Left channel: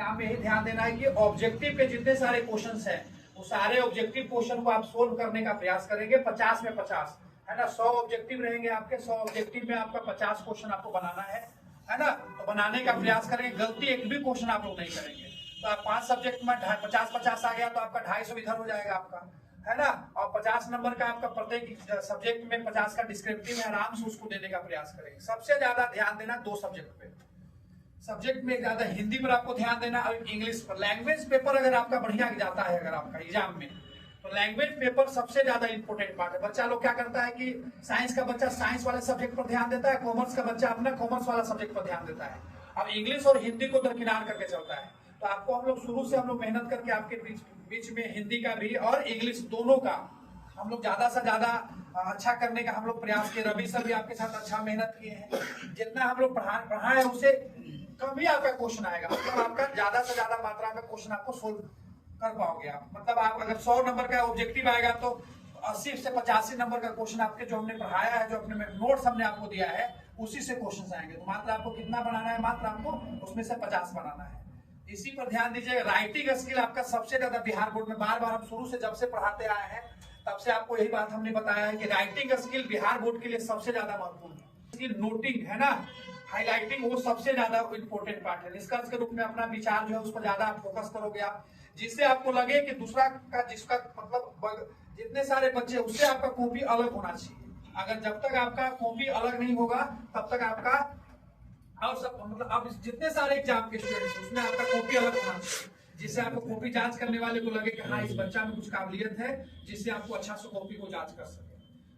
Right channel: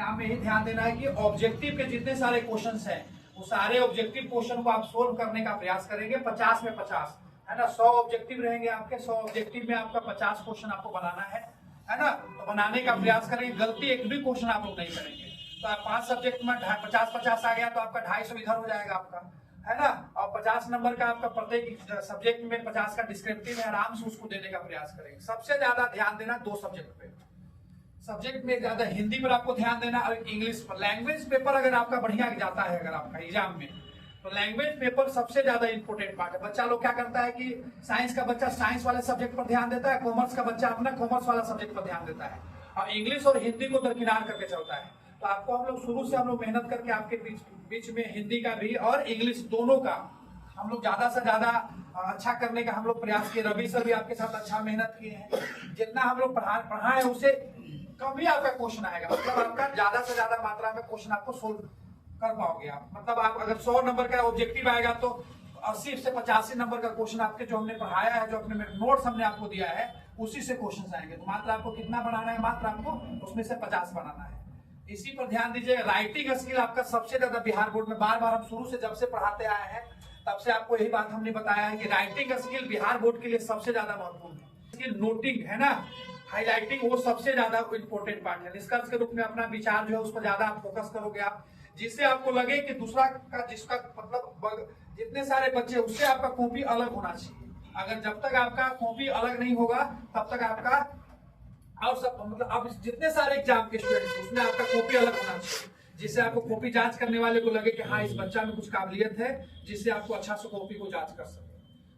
Exam में यही ध्यान देना है कि ऑब्जेक्टिव के जितने सारे क्वेश्चंस हैं वो सारे ऑब्जेक्टिव क्वेश्चन को आप सोल्व करने का प्रयास करेंगे। 50 में 50 है ना, 100 ऑब्जेक्टिव रहेंगे आपके, 100 ऑब्जेक्टिव में आपका 50 क्वेश्चन आपको बनाना है ना। तो बनाने का प्रयास करेंगे, गलती एक भी क्वेश्चन आप लोग नहीं करेंगे। तो आप 5 सब्जेक्ट में 50-50 आ गया तो आपका 250 इधर हो जाएगा आपका, है ना। और 50 नंबर का आपका प्रत्येक सब्जेक्ट में 50 का डिस्क्रिप्टिव है, आराम से उसको देने का प्रयास करेंगे। सबसे ज्यादा ध्यान देना 2 सब्जेक्ट पे, सब्जेक्ट में ज्यादा हिंदी पर आपको ध्यान देना और इंग्लिश पर। लैंग्वेज पेपर अगर आपका बढ़िया जाता है अगर आपका एग्जाम में, तो लैंग्वेज पेपर सबसे ज्यादा इंपोर्टेंट पार्ट है। बच्चा लोग क्या करता है कि साइंस का बच्चा साइंस वाले सब्जेक्ट पर ध्यान देता है, कॉमर्स का बच्चा अपना कॉमर्स वाला सब्जेक्ट पर ध्यान देता है, और इंग्लिश और हिंदी को दरकिनार करके चलता है। तो आपको हम लोग शुरू से हम लोग मेहनत करके आपके बीच में हिंदी का भी और इंग्लिश दोनों का हम लोग ज्यादा से ज्यादा अच्छा करने का हम लोग प्रयास किए। रवि सर भी आपके साथ अच्छा मेहनत किए हैं। जितना हम लोग पढ़ाए उससे कम ही आपका क्वेश्चन आएगा, मतलब आपका ज्यादा से ज्यादा मात्रा में क्वेश्चन आपको सोल्व कर पाओगे आप। मतलब आप अगर 100 नंबर का ऑब्जेक्टिव आएगा तो 80 से 85 नंबर का क्वेश्चन आपके जो हमने पढ़ाया है, जो अपने नोट्स हमने आपको दिया है, उसी से क्वेश्चन आएंगे। तो मात्र आपको कितना बनाना है, मात्र आपको उसमें से 50 बनाना है। इसी पर ध्यान दीजिएगा। राइटिंग स्किल आपका सबसे ज्यादा बिहार बोर्ड में, बार बार हम शुरू से जब से पढ़ाते आए हैं तब से आपको यही बात हमने बताया है कि राइटिंग स्किल बिहार बोर्ड के लिए सबसे ज्यादा महत्वपूर्ण है। नोटिंग है ना, हाईलाइटिंग, वो सबसे ज्यादा इंपॉर्टेंट पार्ट है। निष्कर्ष के रूप में अपना विचार जो है उस पर ज्यादा आप फोकस करोगे आप, जिससे आपको लगे कि दूसरा का जिसका मतलब जितने सारे बच्चे उससे आपका कॉपी अलग होना चाहिए। अगर जब तक आपका कॉपी अलग नहीं होगा तब तक आपका और सब मतलब आप जितने सारे एग्जाम के स्टूडेंट्स उसमें आपका कॉपी अलग होना चाहिए, जिससे आपको कॉपी जांच करने वाले को लगे कि हाँ इस बच्चा में कुछ काबिलियत है, जिससे आपको अच्छा से कॉपी को जांच कर सके।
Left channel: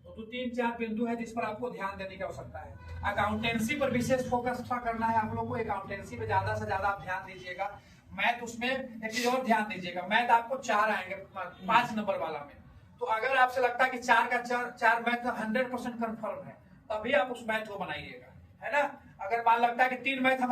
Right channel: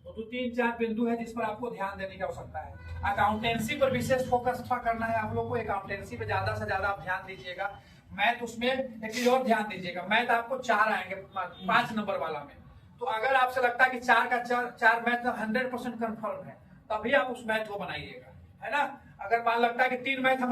तो 3-4 बिंदु है जिस पर आपको ध्यान देने की आवश्यकता है। अकाउंटेंसी पर विशेष फोकस करना है आप लोग को। अकाउंटेंसी पे ज्यादा से ज्यादा आप ध्यान दीजिएगा। मैथ उसमें एक और ध्यान दीजिएगा। मैथ आपको 4 आएंगे 5 नंबर वाला में। तो अगर आपसे लगता है कि 4 का 4 मैथ 100% कंफर्म है, तभी आप उस मैथ को बनाइएगा, है ना। अगर मान लगता है कि 3 मैथ